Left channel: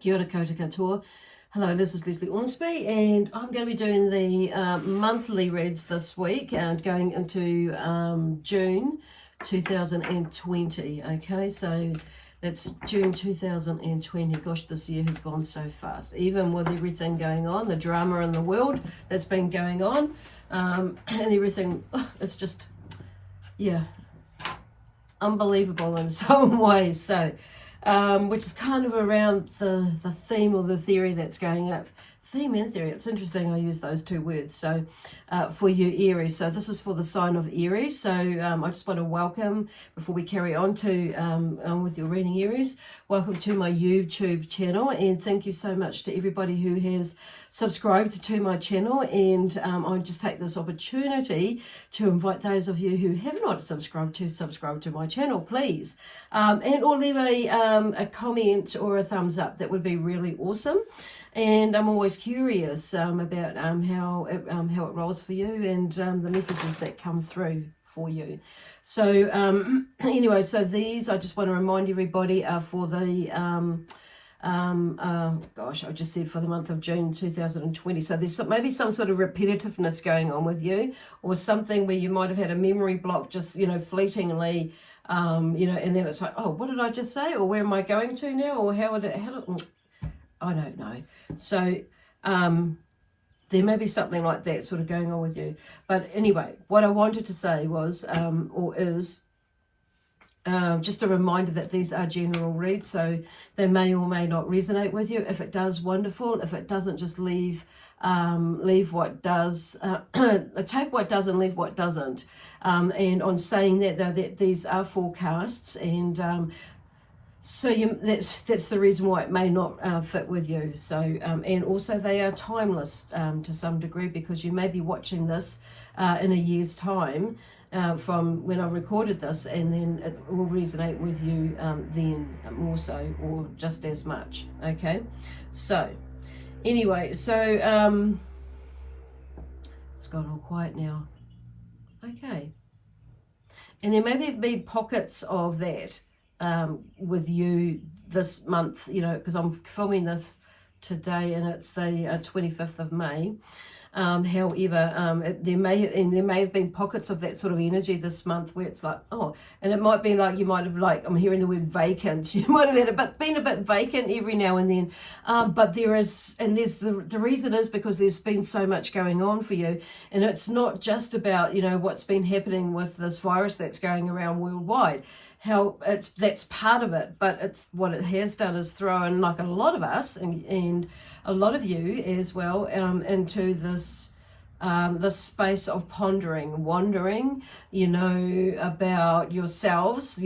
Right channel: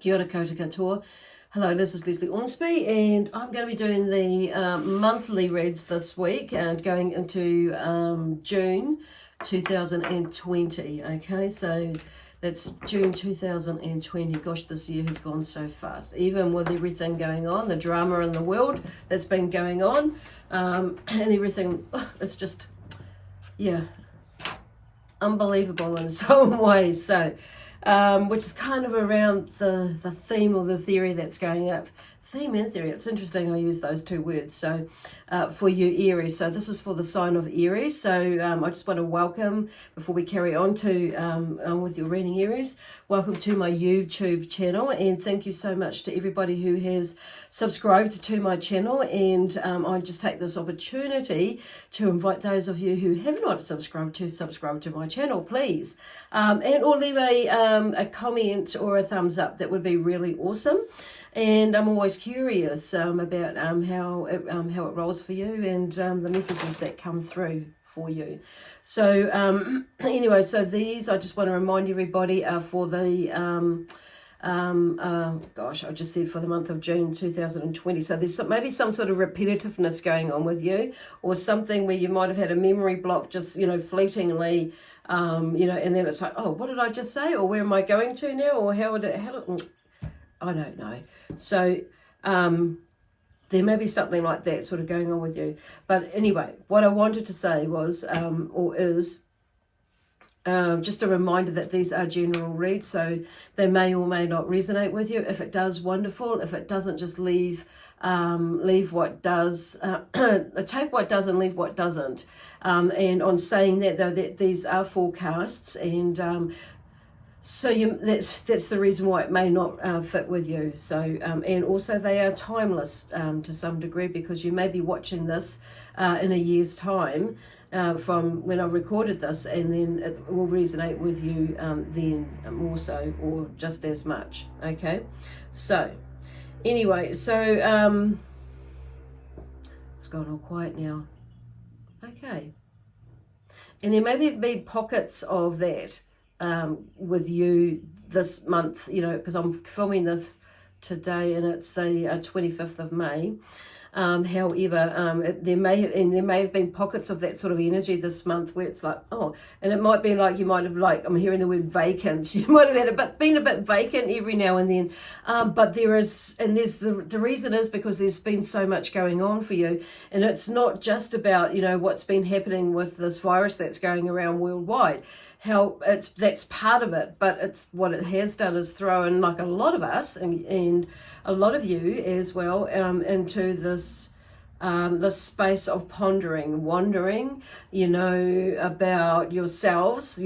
Kia ora koutou katoa. Hello, this is Lesley Ormsby, and I'm going to be doing the monthly reads this week and going into June 2020. Okay, so that's June 2020. Gosh, this year has gone so fast. Even with everything going on, the drama in the world that's been going on, and everything, it's just, yeah, unbelievable in some ways. So, which is kind of around the theme or the theory that's going up. Theme and theory, it's interesting I use those two words. So for you Aries, so this is for the sign of Aries. So I just want to welcome, before we carry on to with your reading Aries, welcome to my YouTube channel, and thank you so much to everybody who has subscribed to my channel. And I just take this opportunity to invite those of you who have not subscribed to subscribe to my channel, please, and or leave a comment or a thumbs up. That would be really awesome. And I'm always curious about how it rolls for you, and the messages that come through for you. So anyway, so these, I just want to remind everybody, are for the gosh, I just said for the month of June 2020. So there's maybe some sort of repetitiveness going on with you, or something where you might have had a memory block, just fleetingly, and then it's like, oh, what did I just say, or where am I going to now, or how I don't know. So there may be something like that sort of going on with you. But anyway, what I wanted to say was, just a reminder that these are general reads, so they may or may not resonate with you. If it does, wonderful. If it doesn't, just leave what does. Take what does and leave what doesn't. And on saying that, though, that these are forecasts, and so that's the reason why it may not fit with you. So and also they are timeless to some degree, because you may be watching this in a year's time from when I recorded this, and then it will resonate with you then more so, or just as much. Okay, so anyway, so it's gone all quiet now. Okay, and there maybe have been pockets of that with you this month, because I'm filming this today and it's the 25th of May. However, there may have been pockets of that sort of energy this month where it's like, oh, and it might be like you might have, like, I'm hearing the word vacant. You might have been a bit vacant every now and then. But there's the reason is because there's been so much going on for you, and it's not just about what's been happening with this virus that's going around worldwide. That's part of it, but it's what it has done is throw in, like a lot of us and a lot of you as well, into this space of pondering, wondering, about yourselves,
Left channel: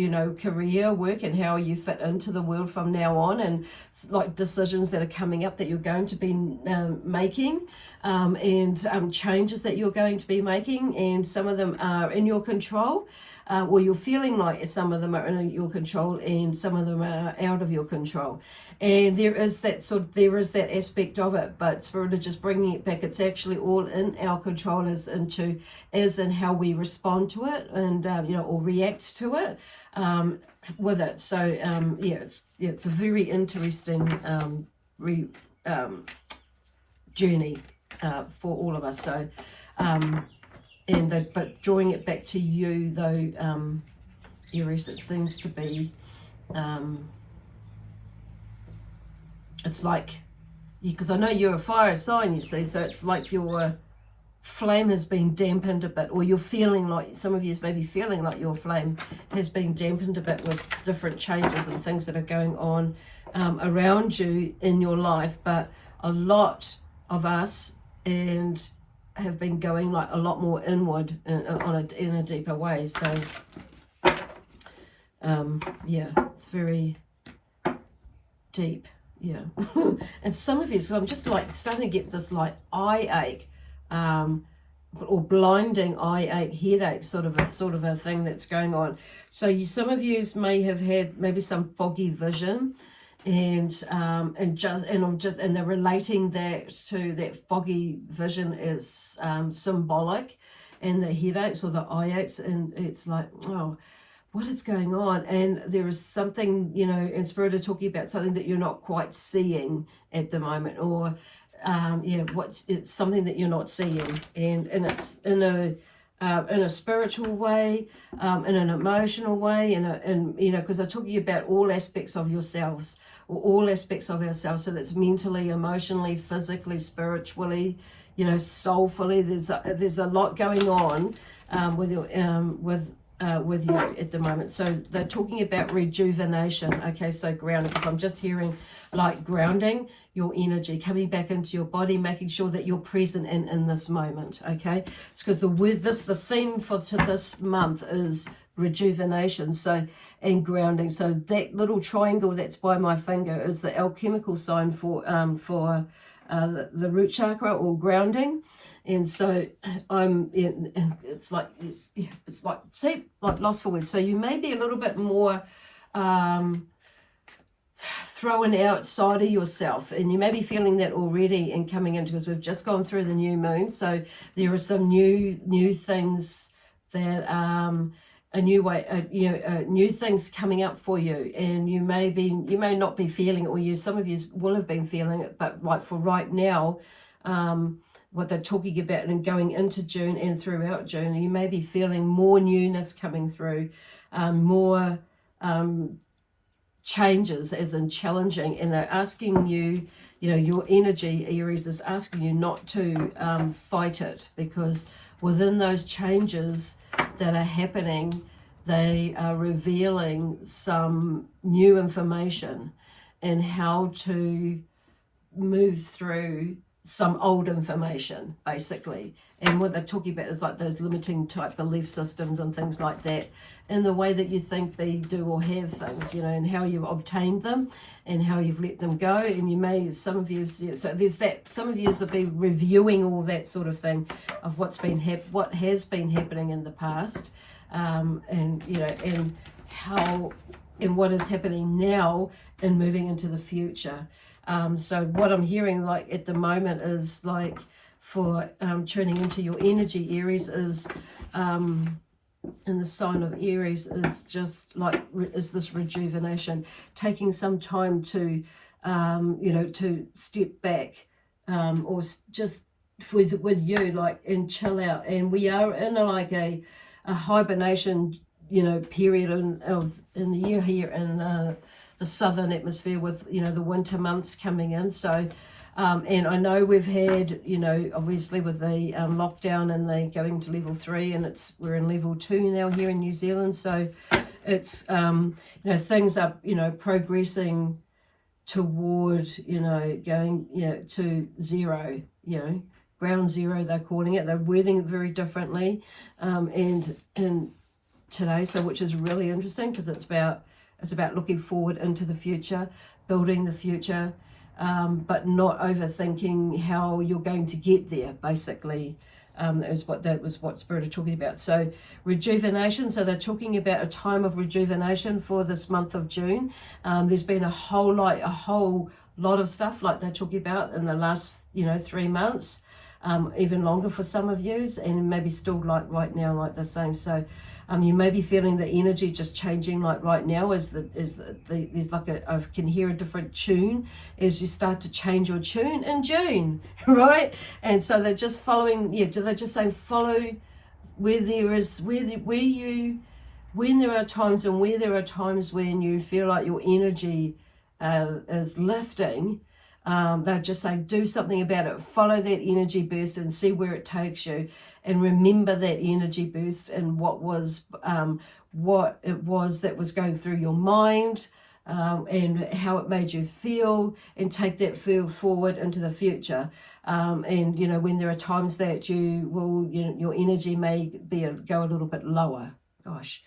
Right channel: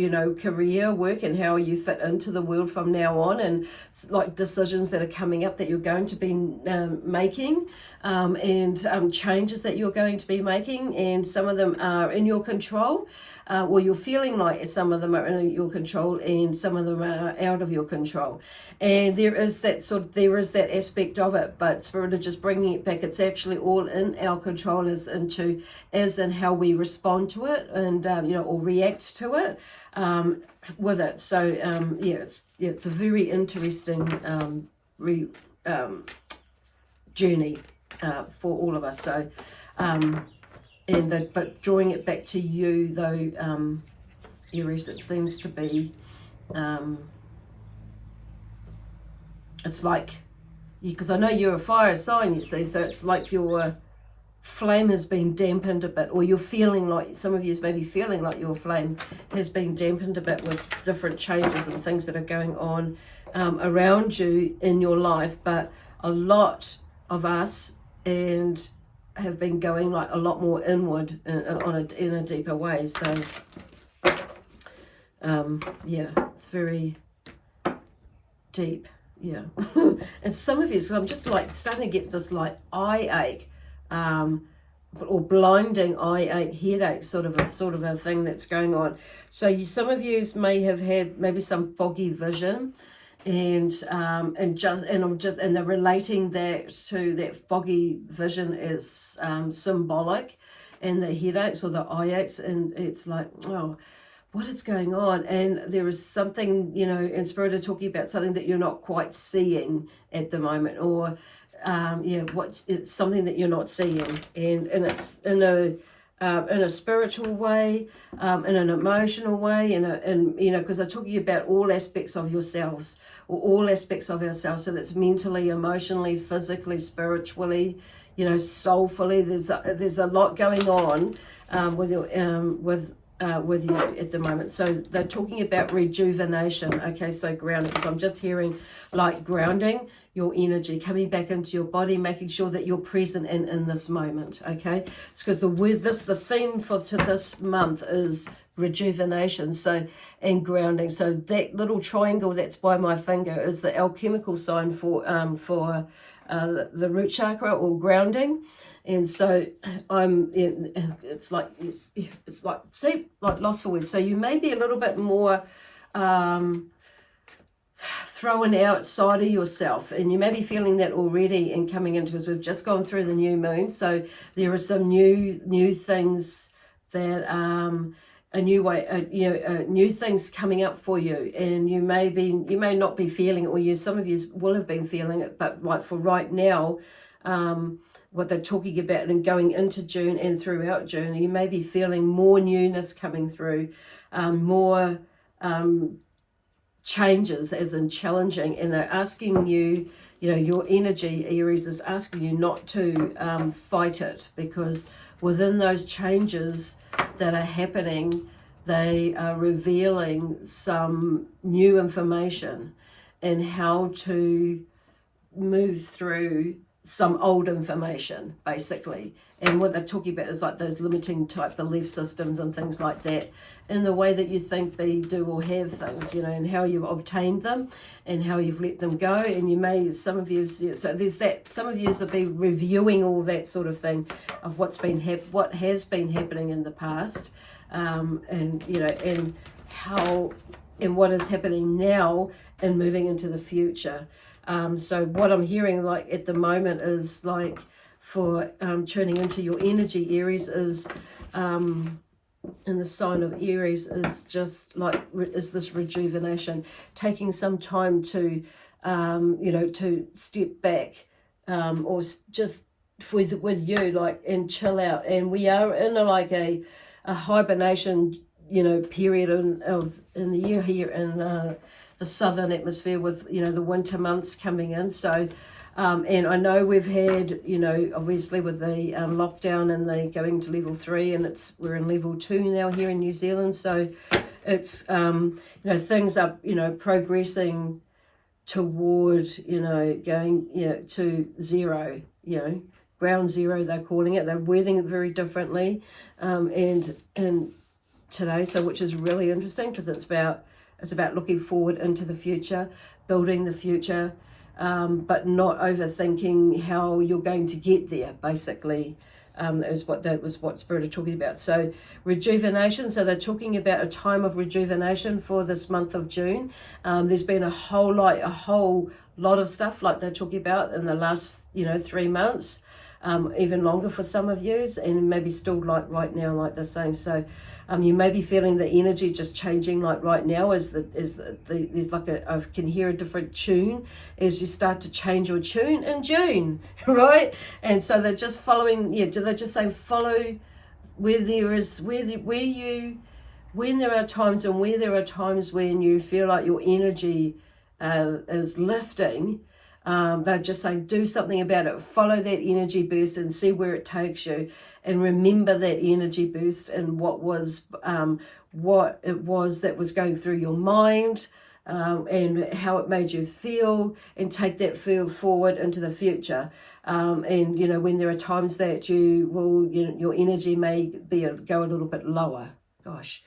career, work, and how you fit into the world from now on, and like decisions that are coming up that you're going to be making, and changes that you're going to be making, and some of them are in your control. Well, you're feeling like some of them are in your control, and some of them are out of your control. And there is that aspect of it, but Spirit is just bringing it back. It's actually all in our control, as in how we respond to it, and or react to it with it. So it's a very interesting journey for all of us. So. But drawing it back to you, though, Aries, it seems to be, it's like, because I know you're a fire sign, you see, so it's like your flame has been dampened a bit, or you're feeling like, some of you may be feeling like your flame has been dampened a bit with different changes and things that are going on around you in your life. But a lot of us have been going like a lot more inward in a deeper way. So it's very deep. And some of you, so I'm just like starting to get this like eye ache, or blinding eye ache, headache, sort of a thing that's going on. So some of you may have had maybe some foggy vision, and they're relating that to that foggy vision is symbolic, and the headaches or the eye aches, and it's like, oh, what is going on? And there is something, you know, in Spirit are talking about something that you're not quite seeing at the moment, or it's something that you're not seeing, and it's in a spiritual way, in an emotional way, and you know, because they're talking about all aspects of yourselves, or all aspects of ourselves. So that's mentally, emotionally, physically, spiritually, you know, soulfully. There's a lot going on with you at the moment. So they're talking about rejuvenation. Okay, so grounding, because I'm just hearing like grounding your energy, coming back into your body, making sure that you're present in this moment. Okay, it's because the theme for this month is rejuvenation, so, and grounding. So that little triangle that's by my finger is the alchemical sign for the root chakra, or grounding. And so it's like see, like lost for words. So you may be a little bit more thrown outside of yourself, and you may be feeling that already and coming into, because we've just gone through the new moon. So there are some new things that a new way, new things coming up for you, and you may not be feeling it, or some of you will have been feeling it, but like for right now, what they're talking about, and going into June and throughout June, you may be feeling more newness coming through, more changes, as in challenging, and they're asking you, you know, your energy, Aries, is asking you not to fight it, because within those changes that are happening, they are revealing some new information and how to move through some old information, basically. And what they're talking about is like those limiting type belief systems and things like that, in the way that you think, be, do, or have things, you know, and how you've obtained them and how you've let them go. And you may, some of you, so there's that, some of you will be reviewing all that sort of thing of what has been happening in the past, and you know, and how, and what is happening now, and moving into the future. So what I'm hearing like at the moment is like, for tuning into your energy, Aries, is in the sign of Aries, is just like, is this rejuvenation, taking some time to to step back, or just with you, like, and chill out. And we are in a hibernation, period in the year here in the southern hemisphere, with the winter months coming in. So and I know we've had, obviously with the lockdown, and they going to level 3, and we're in level 2 now here in New Zealand. So it's things are progressing toward going to zero, ground zero they're calling it. They're wording it very differently, and today, so which is really interesting, because it's about looking forward into the future, building the future, but not overthinking how you're going to get there, basically. That was what Spirit are talking about. So rejuvenation, so they're talking about a time of rejuvenation for this month of June. There's been a whole lot of stuff like they're talking about in the last 3 months, even longer for some of you, and maybe still like right now, like they're saying. So you may be feeling the energy just changing, like right now, there's like I can hear a different tune as you start to change your tune in June, right? And so they're just following, they're just saying follow when there are times, and where there are times when you feel like your energy is lifting. They're just saying do something about it, follow that energy burst and see where it takes you, and remember that energy burst and what it was that was going through your mind, and how it made you feel, and take that feel forward into the future. And when there are times that you will, your energy may go a little bit lower. Gosh,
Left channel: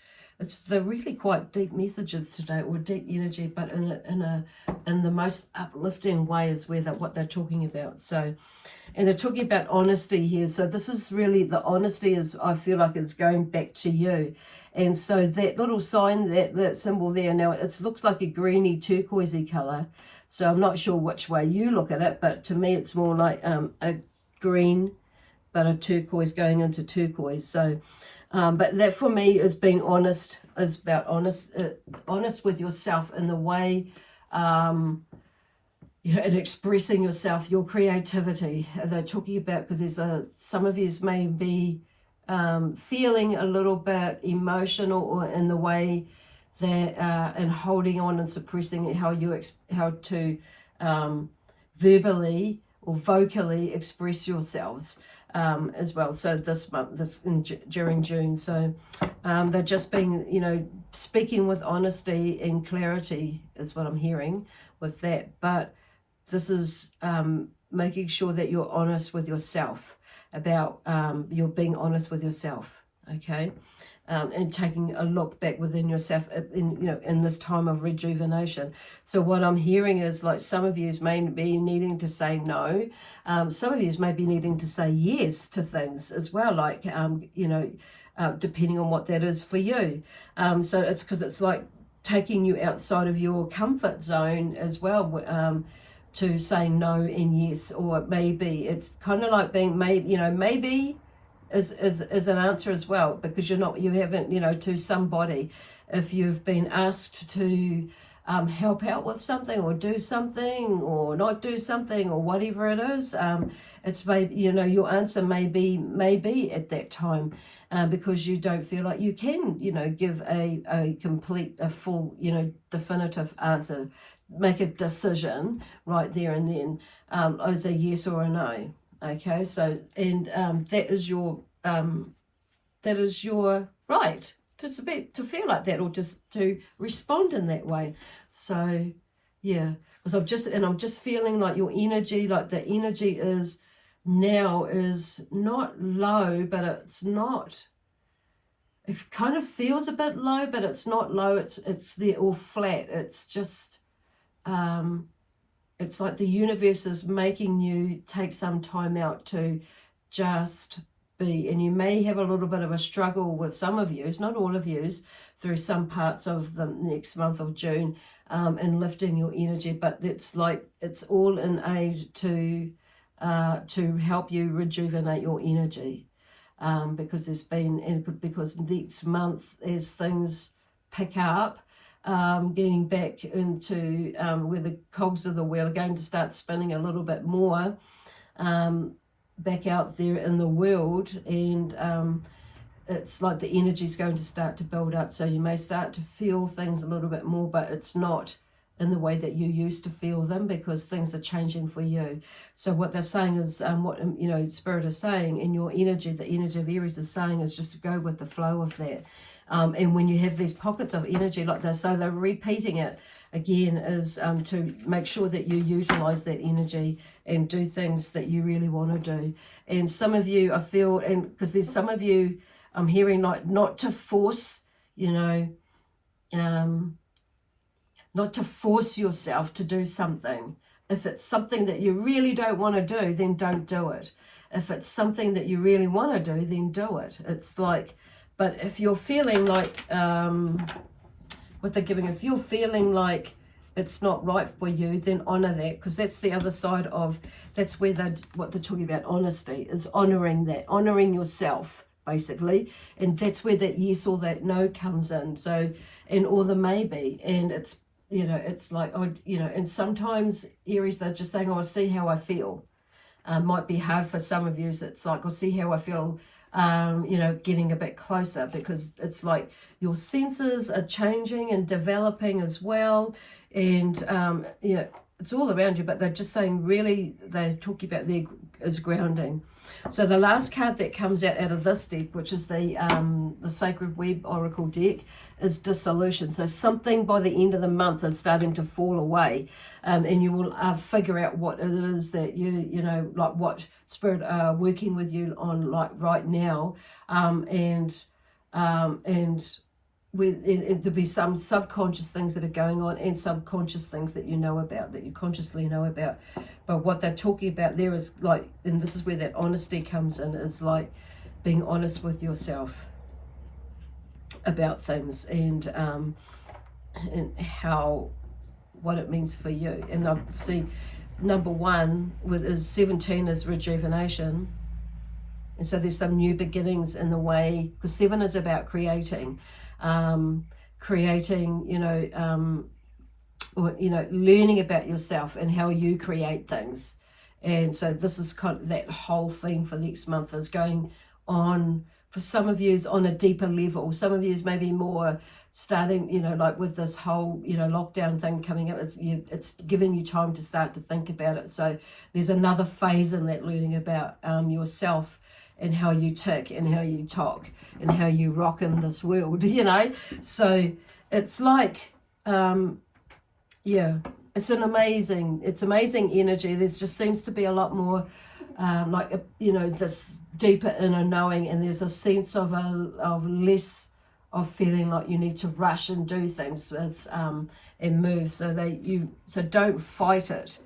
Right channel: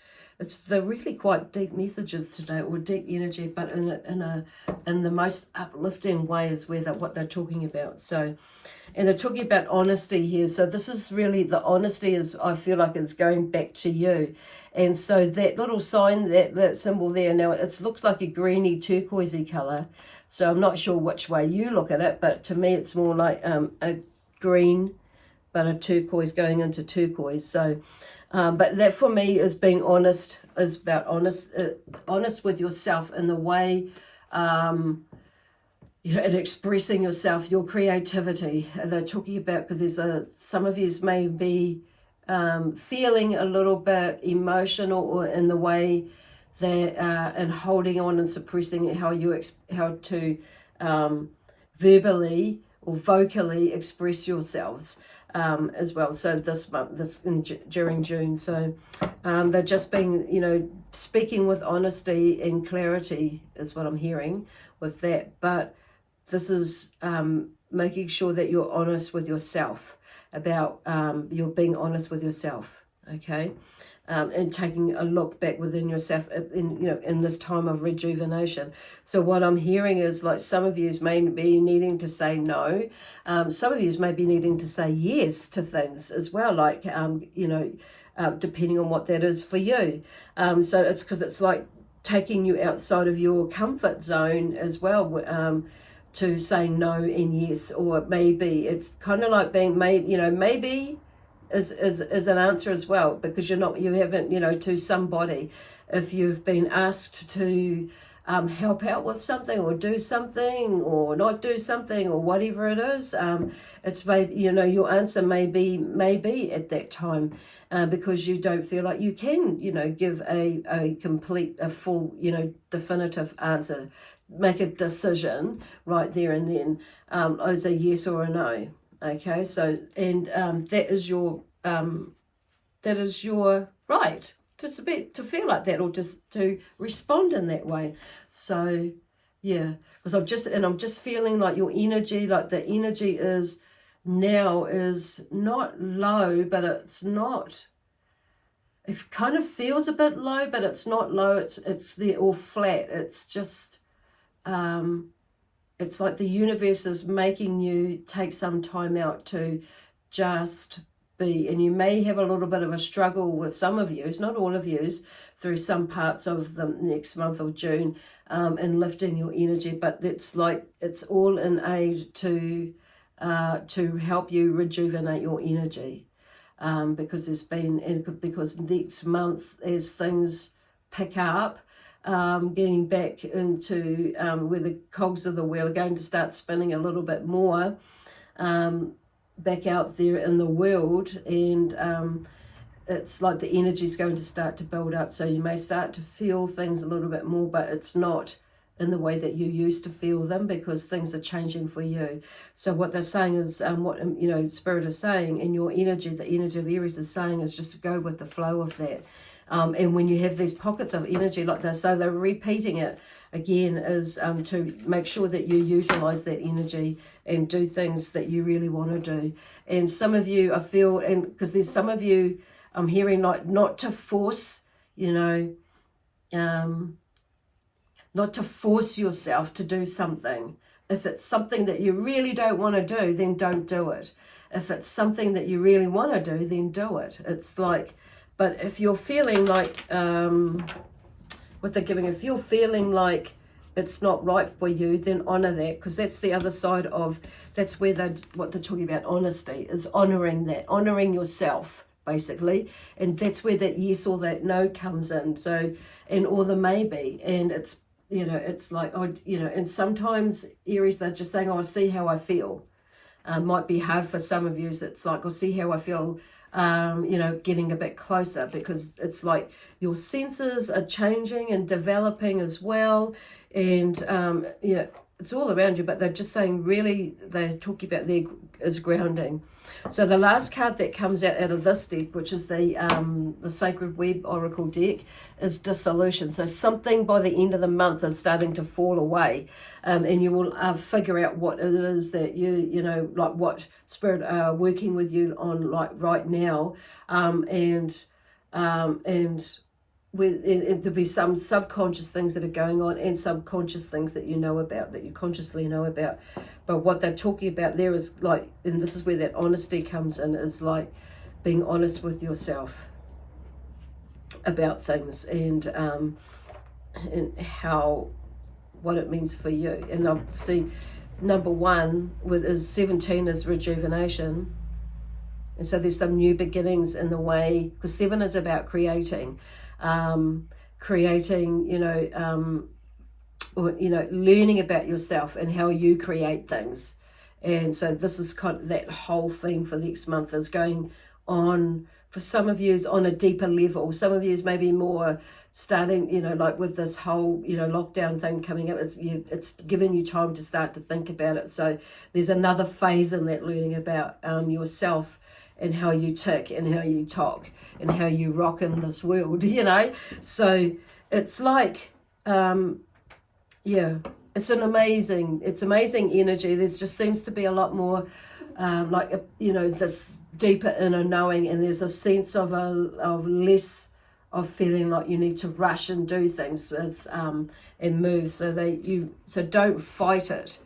they're really quite deep messages today, or deep energy, but in the most uplifting way is what they're talking about. So, and they're talking about honesty here. So this is really, the honesty is, I feel like it's going back to you. And so that little sign, that symbol there, now it looks like a greeny turquoisey color. So I'm not sure which way you look at it, but to me it's more like a green, but a turquoise going into turquoise. So but that for me is being honest is about honest with yourself in the way, you know, and expressing yourself, your creativity. They're talking about, because there's some of you may be feeling a little bit emotional, or in the way that and holding on and suppressing how to verbally or vocally express yourselves as well. So this month, during June, so they're just being, you know, speaking with honesty and clarity is what I'm hearing with that. But this is making sure that you're honest with yourself about you're being honest with yourself, okay, and taking a look back within yourself in this time of rejuvenation. So what I'm hearing is, like, some of you may be needing to say no, some of you may be needing to say yes to things as well, like depending on what that is for you. So it's because it's like taking you outside of your comfort zone as well, to say no and yes, or maybe. It's kind of like being maybe is an answer as well, because you haven't, to somebody, if you've been asked to help out with something, or do something, or not do something, or whatever it is, it's maybe, your answer may be at that time, because you don't feel like you can, give a complete, a full, definitive answer, make a decision right there and then, as a yes or a no. Okay, so, and that is your right to feel like that, or just to respond in that way. So yeah, because I'm just feeling like your energy, like the energy is now is not low, but it's not, it kind of feels a bit low, but it's not low, it's there, or flat. It's just it's like the universe is making you take some time out to just be. And you may have a little bit of a struggle with some of yous, not all of yous, through some parts of the next month of June, in lifting your energy. But it's like, it's all in aid to help you rejuvenate your energy, because because next month, as things pick up, getting back into where the cogs of the wheel are going to start spinning a little bit more, back out there in the world, and it's like the energy is going to start to build up. So you may start to feel things a little bit more, but it's not in the way that you used to feel them, because things are changing for you. So what they're saying is, what Spirit is saying, and your energy, the energy of Aries is saying, is just to go with the flow of that. And when you have these pockets of energy like this, so they're repeating it again, is to make sure that you utilize that energy and do things that you really want to do. And some of you, I feel, and because there's some of you, I'm hearing, like, not to force, not to force yourself to do something. If it's something that you really don't want to do, then don't do it. If it's something that you really want to do, then do it. It's like, but if you're feeling like, what they're giving, if you're feeling like it's not right for you, then honor that, because that's the other side of, that's where what they're talking about, honesty, is honoring that, honoring yourself, basically. And that's where that yes or that no comes in. So, and or the maybe, and it's, it's like, and sometimes Aries, they're just saying, I'll see how I feel. Might be hard for some of you. So it's like, I'll see how I feel, getting a bit closer, because it's like your senses are changing and developing as well. And, it's all around you, but they're just saying, really, they're talking about there is grounding. So the last card that comes out of this deck, which is the Sacred Web Oracle deck, is dissolution. So something by the end of the month is starting to fall away, and you will figure out what it is that like what Spirit are working with you on, like right now, and there'll be some subconscious things that are going on, and subconscious things that you know about, that you consciously know about. But what they're talking about there is like, and this is where that honesty comes in, is like being honest with yourself about things, and what it means for you. And I see number one is 17 is rejuvenation. And so there's some new beginnings in the way, because 7 is about creating, learning about yourself and how you create things. And so this is kind of that whole thing for next month is going on, for some of you is on a deeper level. Some of you is maybe more starting, like with this whole, lockdown thing coming up, it's giving you time to start to think about it. So there's another phase in that, learning about yourself and how you tick and how you talk and how you rock in this world, So it's like, it's amazing energy. There just seems to be a lot more this deeper inner knowing, and there's a sense of less of feeling like you need to rush and do things and move. So don't fight it,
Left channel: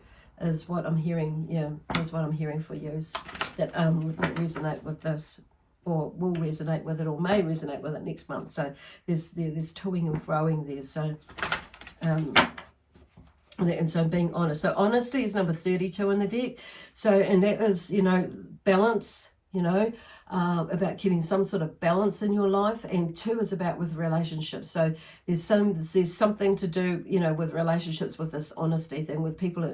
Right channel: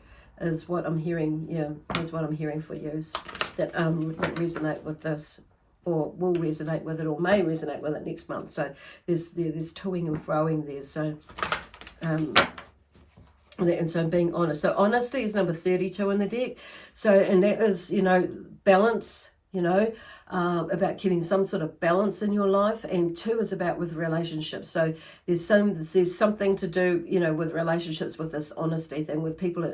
is what I'm hearing. Is what I'm hearing for you, is that resonate with this, or will resonate with it, or may resonate with it next month. So there's toing and froing there. So and so being honest. So honesty is number 32 in the deck. So, and that is, balance, about keeping some sort of balance in your life. And 2 is about with relationships. So there's something to do, with relationships, with this honesty thing, with people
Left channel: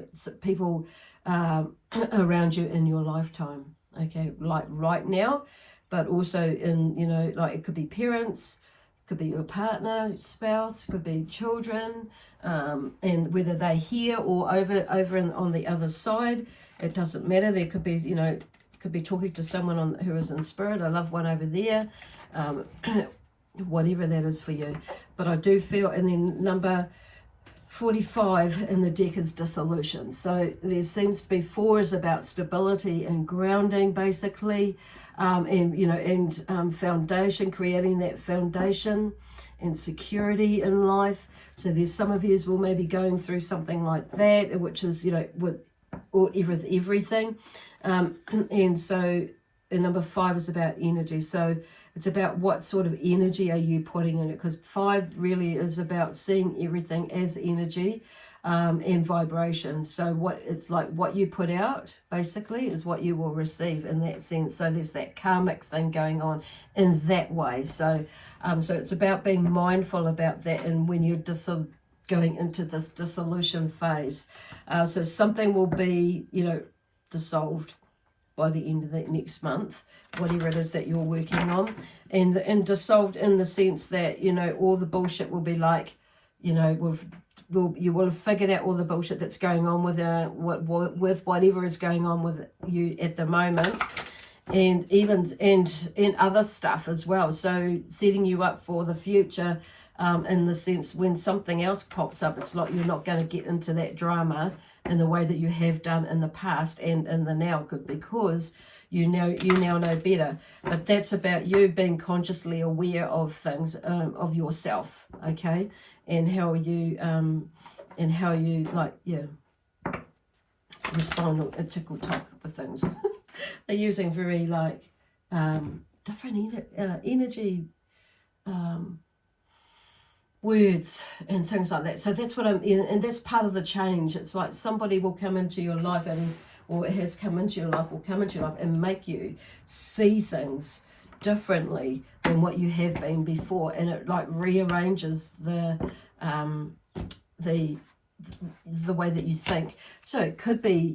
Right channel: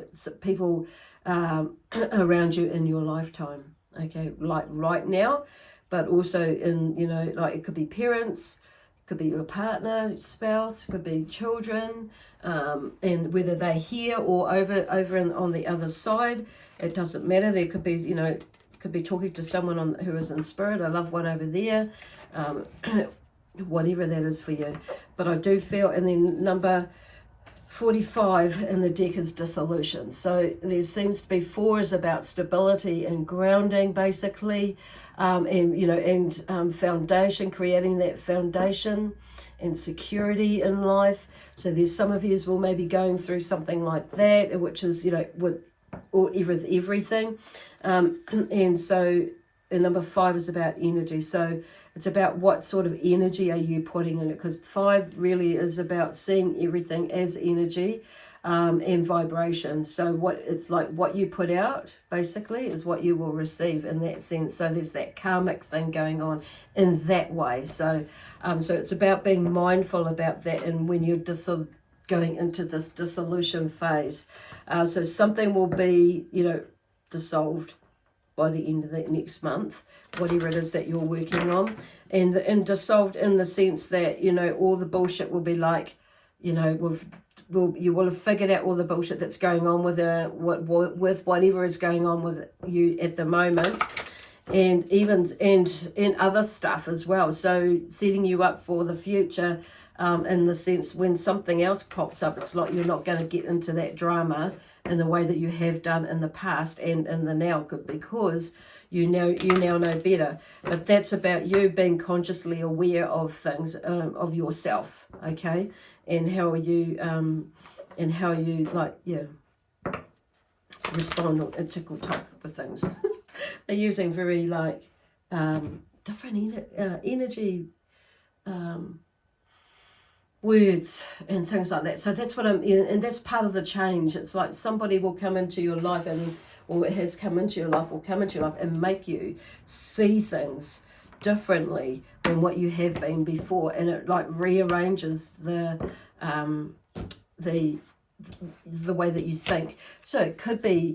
around you in your lifetime. Okay, like right now, but also in, it could be parents, could be your partner, spouse, could be children, and whether they're here or over on the other side, it doesn't matter. There could be, could be talking to someone who is in spirit, a loved one over there, whatever that is for you. But I do feel, and then number 45 in the deck is dissolution. So there seems to be 4 is about stability and grounding, basically, and foundation, creating that foundation and security in life. So there's some of you will maybe going through something like that, which is, with everything. And so and number 5 is about energy. So it's about what sort of energy are you putting in it, because 5 really is about seeing everything as energy and vibration. So what you put out basically is what you will receive in that sense. So there's that karmic thing going on in that way. So so it's about being mindful about that, and when you're going into this dissolution phase. So something will be, dissolved by the end of that next month, whatever it is that you're working on, and dissolved in the sense that, all the bullshit will be like, you will have figured out all the bullshit that's going on with whatever is going on with you at the moment, and even other stuff as well. So setting you up for the future, in the sense when something else pops up, it's like you're not going to get into that drama in the way that you have done in the past and in the now, because you now know better. But that's about you being consciously aware of things, of yourself, okay, and how you respond or tickle talk with things. They're using very different energy words and things like that. So that's what and that's part of the change. It's like somebody will come into your life, or it has come into your life, will come into your life and make you see things differently than what you have been before, and it rearranges the way that you think. So it could be,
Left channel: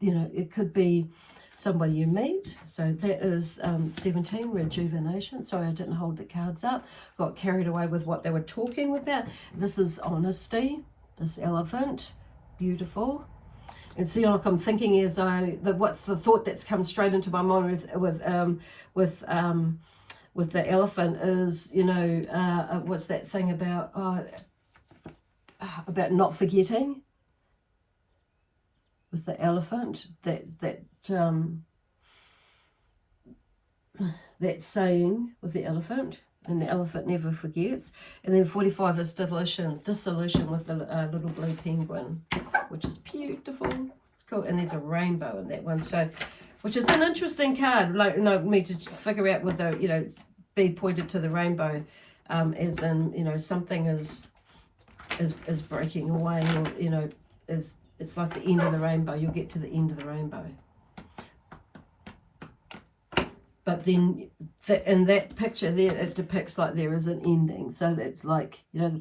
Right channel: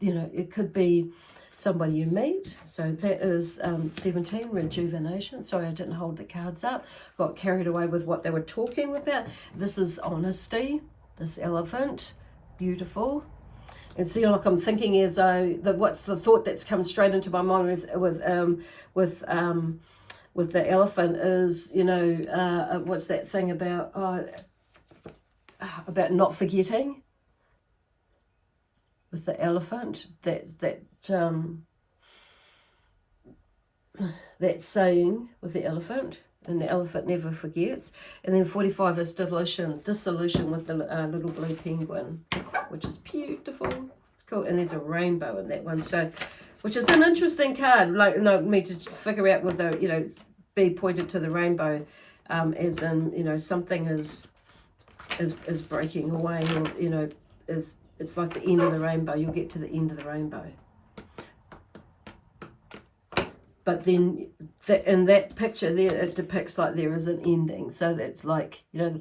it could be somebody you meet. So that is 17, rejuvenation. Sorry, I didn't hold the cards up. Got carried away with what they were talking about. This is honesty, this elephant, beautiful. And see, I'm thinking as though what's the thought that's come straight into my mind with the elephant is, what's that thing about not forgetting with the elephant, that saying with the elephant, and the elephant never forgets. And then 45 is dissolution with the little blue penguin, which is beautiful. It's cool. And there's a rainbow in that one, so which is an interesting card. Me to figure out whether be pointed to the rainbow, as in something is breaking away, or it's like the end of the rainbow. You'll get to the end of the rainbow. but then in that picture there, it depicts like there is an ending. So that's like, you know,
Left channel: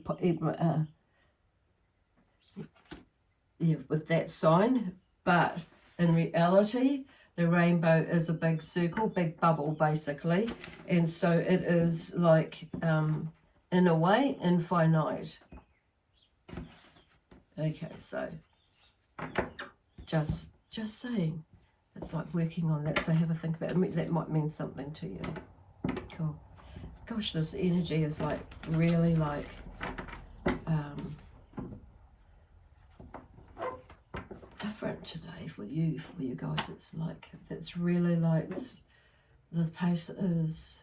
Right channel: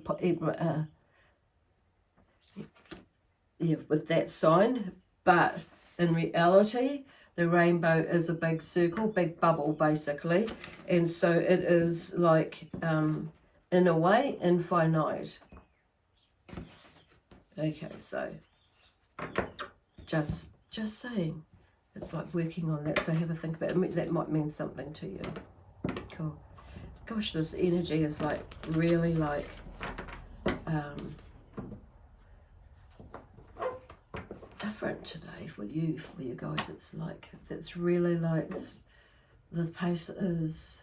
yeah, with that sign. But in reality, the rainbow is a big circle, big bubble, basically. And so it is like, in a way, infinite. Okay, so just saying. It's like working on that. So have a think about it. That might mean something to you. Cool. Gosh, this energy is like really like different today for you guys. It's like, it's really like this pace is,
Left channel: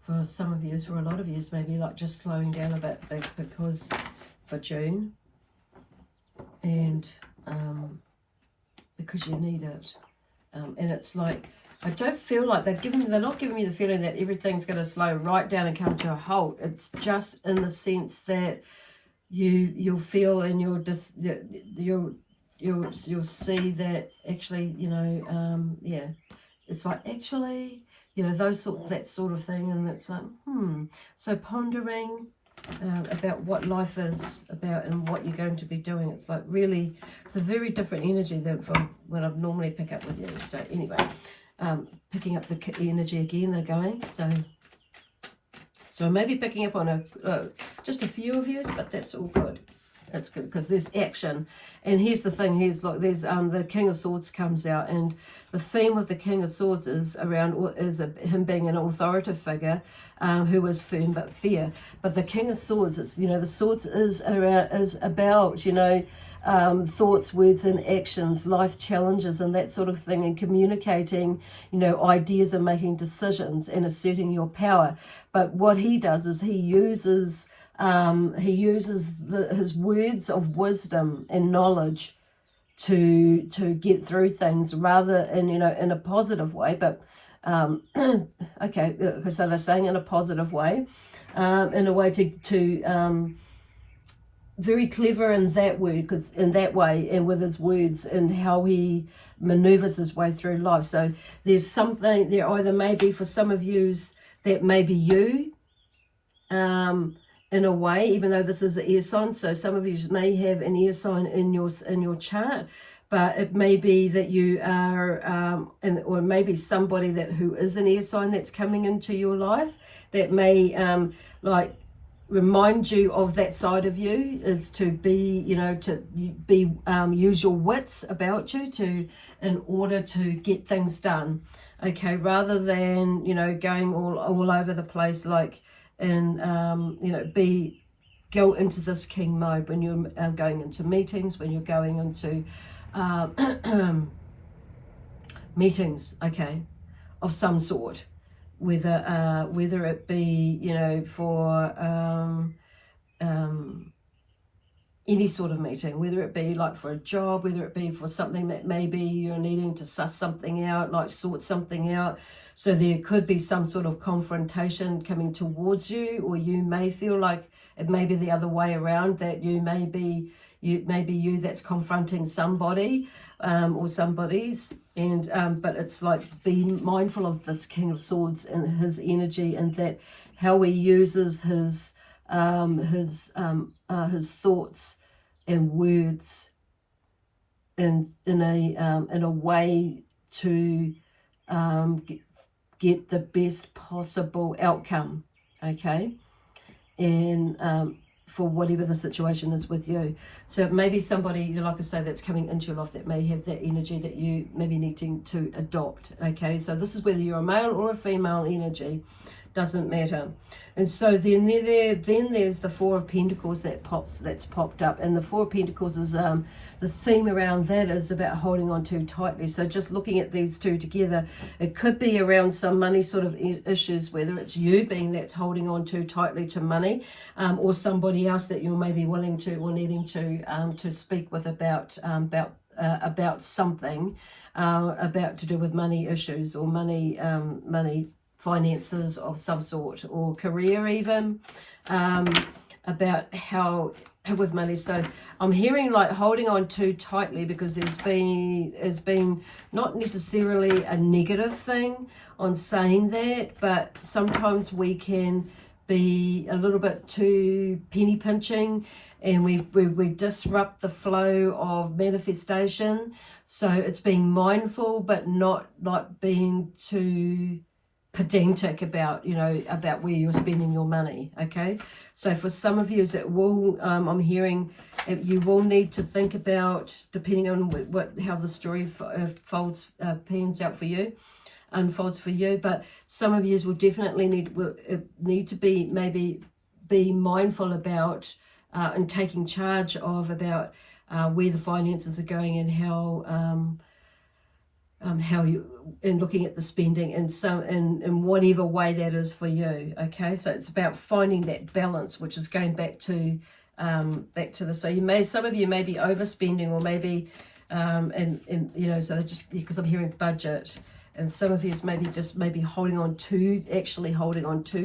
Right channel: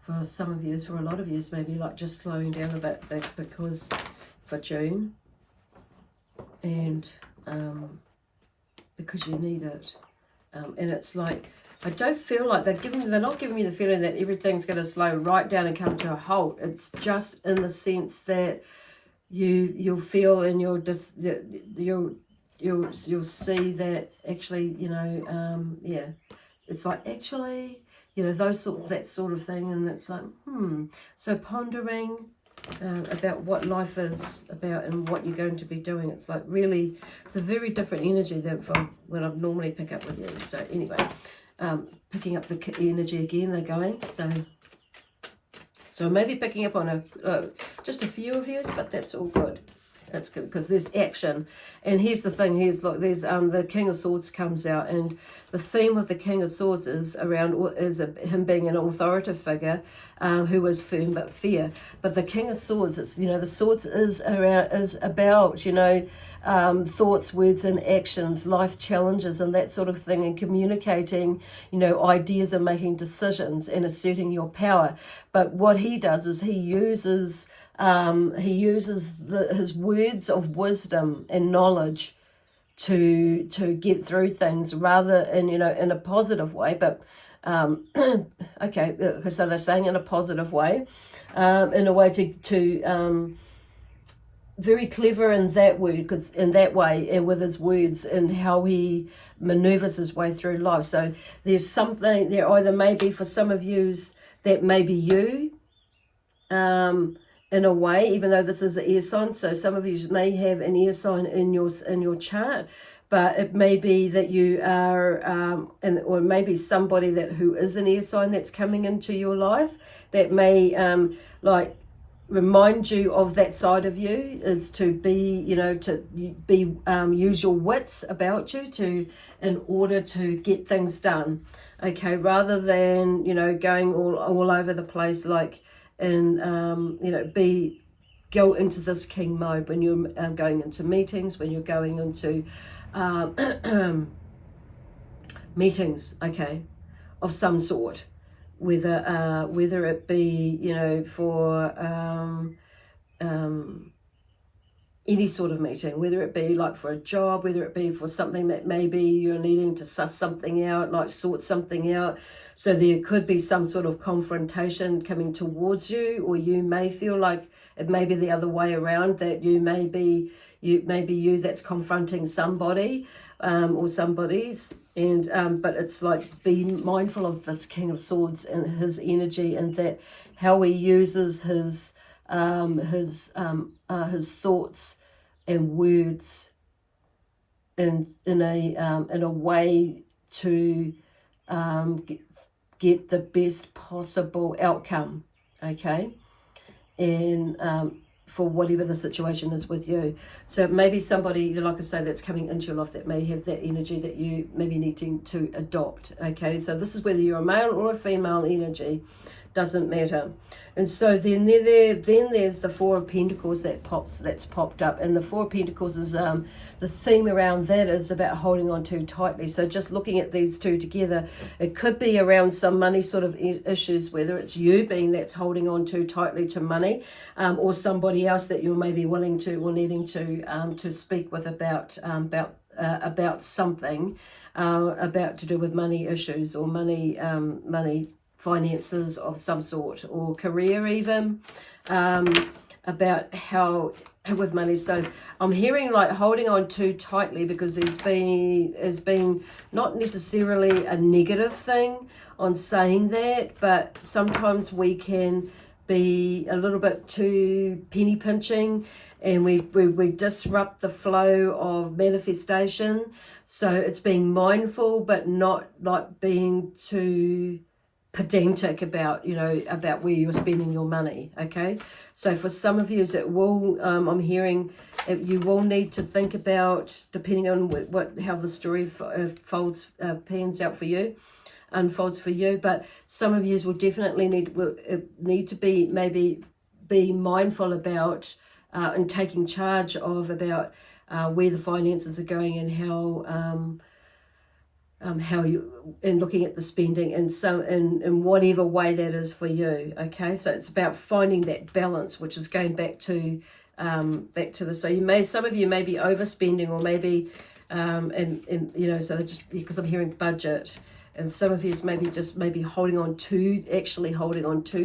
for some of you, for a lot of you, maybe like just slowing down a bit because for June, and because you need it. And it's like, I don't feel like they're not giving me the feeling that everything's going to slow right down and come to a halt. It's just in the sense that you'll feel, and you'll see that actually, you know, yeah, it's like actually, you know, that sort of thing. And it's like, so pondering about what life is about and what you're going to be doing. It's like really, it's a very different energy than from what I normally pick up with you. So anyway, picking up the energy again, they're going. So maybe picking up on just a few of you, but that's all good. That's good because there's action. And here's the thing, look, there's the King of Swords comes out, and the theme of the King of Swords is him being an authoritative figure who is firm but fair. But the King of Swords is, you know, the swords is about, you know, thoughts, words and actions, life challenges and that sort of thing, and communicating, you know, ideas and making decisions and asserting your power. But what he does is he uses his words of wisdom and knowledge to get through things, rather in, you know, in a positive way. But okay, so they're saying in a positive way, in a way to very clever in that word, because in that way, and with his words and how he maneuvers his way through life. So there's something there, either maybe for some of yous that may be you, in a way, even though this is an air sign. So some of you may have an air sign in your chart, but it may be that you are, or maybe somebody who is an air sign that's coming into your life that may like remind you of that side of you, is to be, you know, to be use your wits about you in order to get things done. Okay, rather than, you know, going all over the place, like, and you know, go into this king mode when you're going into meetings, when you're going into meetings, okay, of some sort, whether it be, you know, for any sort of meeting, whether it be like for a job, whether it be for something that maybe you're needing to suss something out, like sort something out. So there could be some sort of confrontation coming towards you, or you may feel like it may be the other way around, that you may be you that's confronting somebody or somebody's. And but it's like, be mindful of this King of Swords and his energy, and that how he uses his thoughts and words in a way to get the best possible outcome, okay, and for whatever the situation is with you. So maybe somebody, like I say, that's coming into your life that may have that energy that you maybe need to adopt, okay. So this is whether you're a male or a female energy, doesn't matter. And so then there's the Four of Pentacles that's popped up, and the Four of Pentacles is the theme around that is about holding on too tightly. So just looking at these two together, it could be around some money sort of issues, whether it's you being that's holding on too tightly to money, or somebody else that you're maybe willing to or needing to speak with about something about to do with money issues, or money finances of some sort, or career even, about how with money. So I'm hearing like holding on too tightly, because there's been not necessarily a negative thing on saying that, but sometimes we can be a little bit too penny pinching, and we disrupt the flow of manifestation. So it's being mindful, but not like being too pedantic about, you know, about where you're spending your money. Okay, so for some of you, it will I'm hearing you will need to think about, depending on how the story pans out for you, unfolds for you. But some of you will definitely need to be mindful about and taking charge of about where the finances are going, and how you, and looking at the spending in whatever way that is for you. Okay, so it's about finding that balance, which is going back to this. So some of you may be overspending, or maybe and you know, so just because I'm hearing budget, and some of you is maybe holding on too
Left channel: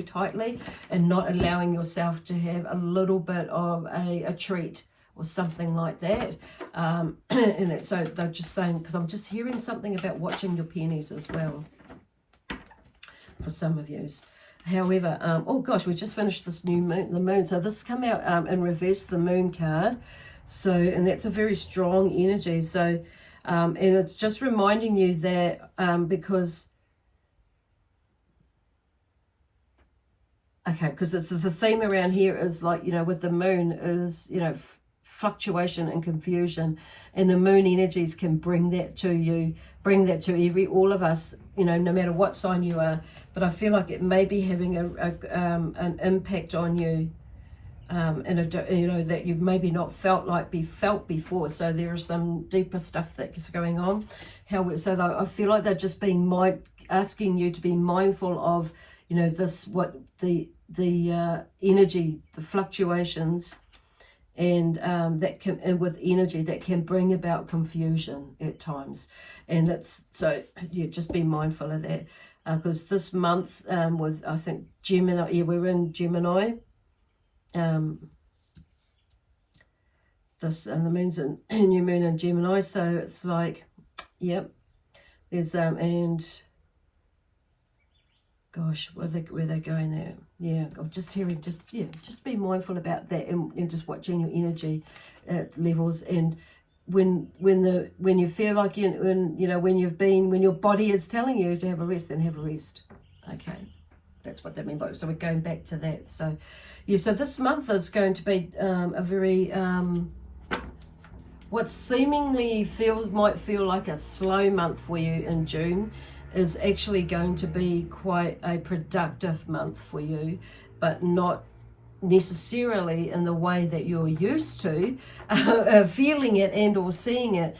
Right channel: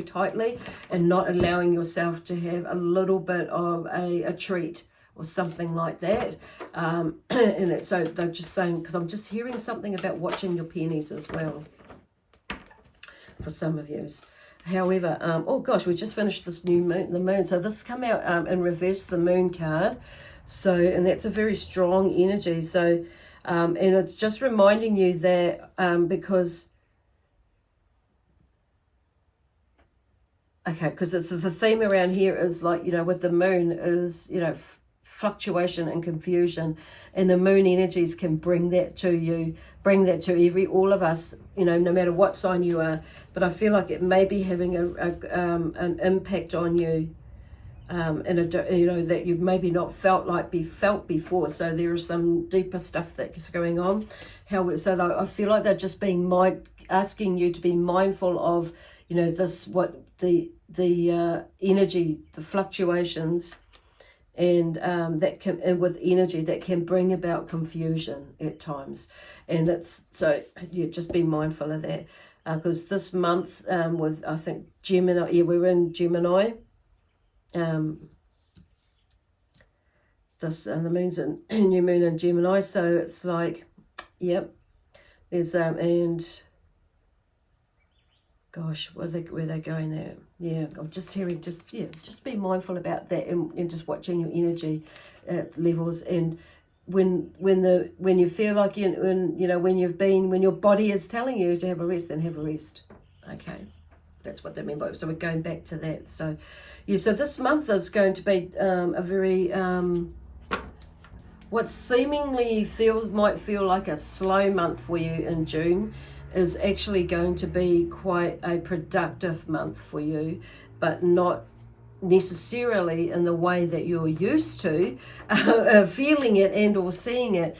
tightly, and not allowing yourself to have a little bit of a treat or something like that. And so they're just saying, because I'm just hearing something about watching your pennies as well for some of you. However, oh gosh, we just finished this new moon, the moon. So this come out in reverse, the moon card. So, and that's a very strong energy. So, and it's just reminding you that because, okay, because it's the theme around here is like, you know, with the moon is, you know, fluctuation and confusion, and the moon energies can bring that to you, all of us, you know, no matter what sign you are. But I feel like it may be having an impact on you, you know, that you've maybe not felt before. So there is some deeper stuff that's going on. So I feel like they're just being asking you to be mindful of, you know, what the energy, the fluctuations, and with energy that can bring about confusion at times. And it's so, yeah, just be mindful of that, because this month was, I think, Gemini. Yeah, we're in Gemini. This, and the moon's in new moon in Gemini. So it's like, yep, there's and gosh, where they going there? Yeah, I'm just hearing, just be mindful about that, and just watching your energy levels. And when you feel like when your body is telling you to have a rest, then have a rest. Okay, that's what they mean by it. So we're going back to that. So yeah, so this month is going to be a very what seemingly might feel like a slow month for you in June is actually going to be quite a productive month for you, but not necessarily in the way that you're used to feeling it and or seeing it.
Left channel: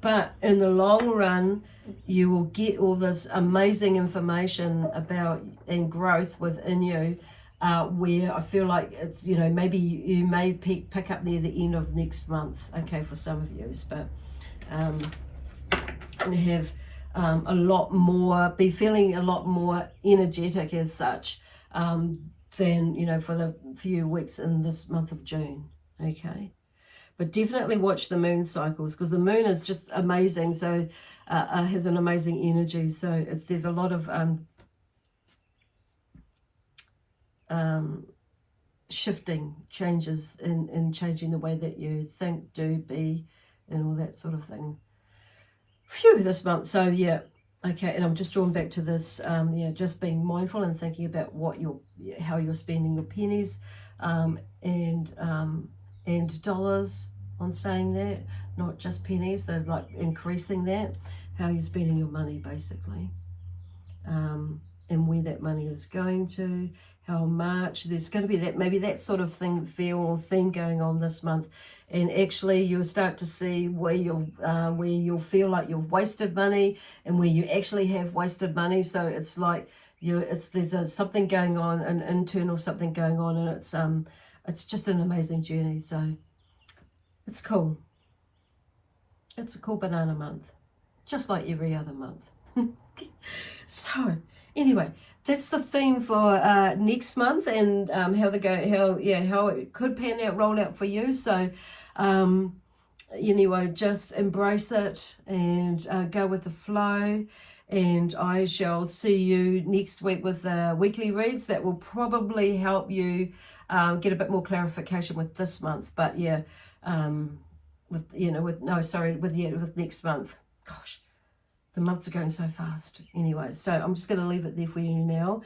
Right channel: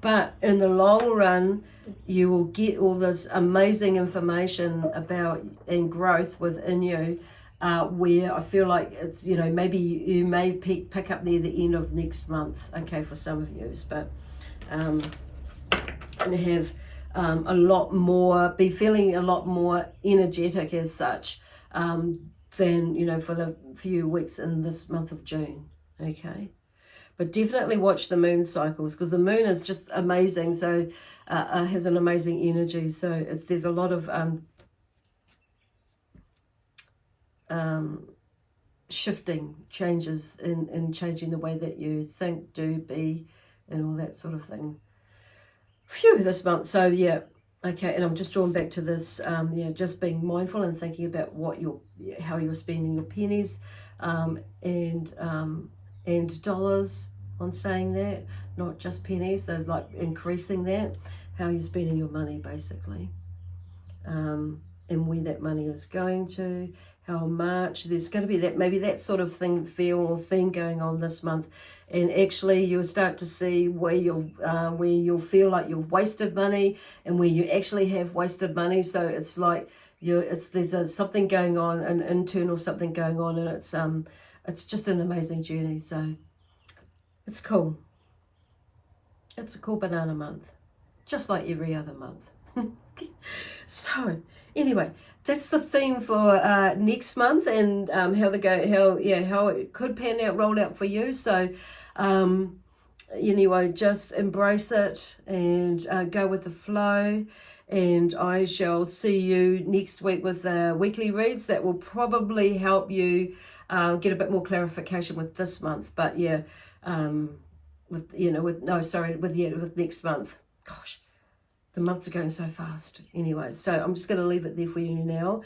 But in the long run, you will get all this amazing information about and growth within you, where I feel like it's, you know, maybe you may pick up near the end of next month, okay, for some of you, but and have be feeling a lot more energetic as such, than, you know, for the few weeks in this month of June. Okay, but definitely watch the moon cycles, because the moon is just amazing. So has an amazing energy. So there's a lot of shifting changes in changing the way that you think, do, be, and all that sort of thing. Phew, this month. So yeah, okay, and I'm just drawn back to this, yeah, just being mindful and thinking about how you're spending your pennies, and dollars, on saying that, not just pennies. They're like increasing that, how you're spending your money basically, and where that money is going to, how much. There's going to be maybe that sort of theme going on this month. And actually you'll start to see where you'll feel like you've wasted money, and where you actually have wasted money. So it's like there's something going on, an internal something going on, and it's just an amazing journey. So it's cool. It's a cool banana month, just like every other month. So anyway, that's the theme for next month, and how it could pan out, roll out for you. So anyway, just embrace it and go with the flow. And I shall see you next week with weekly reads that will probably help you get a bit more clarification with this month. But yeah, with next month. Gosh, the months are going so fast. Anyway, so I'm just going to leave it there for you now,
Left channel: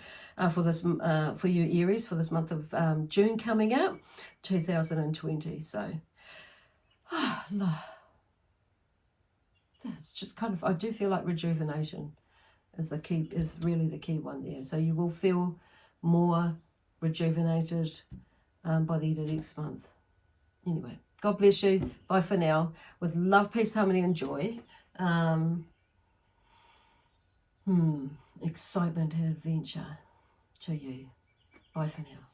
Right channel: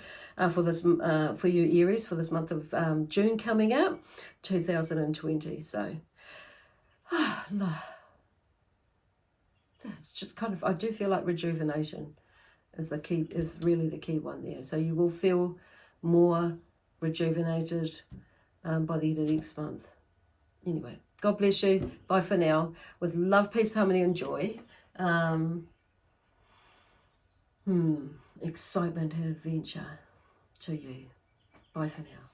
for you Aries, for this month of June coming up, 2020. So, it's just kind of, I do feel like rejuvenation is really the key one there. So you will feel more rejuvenated by the end of next month. Anyway, God bless you. Bye for now. With love, peace, harmony, and joy. Excitement and adventure to you. Bye for now.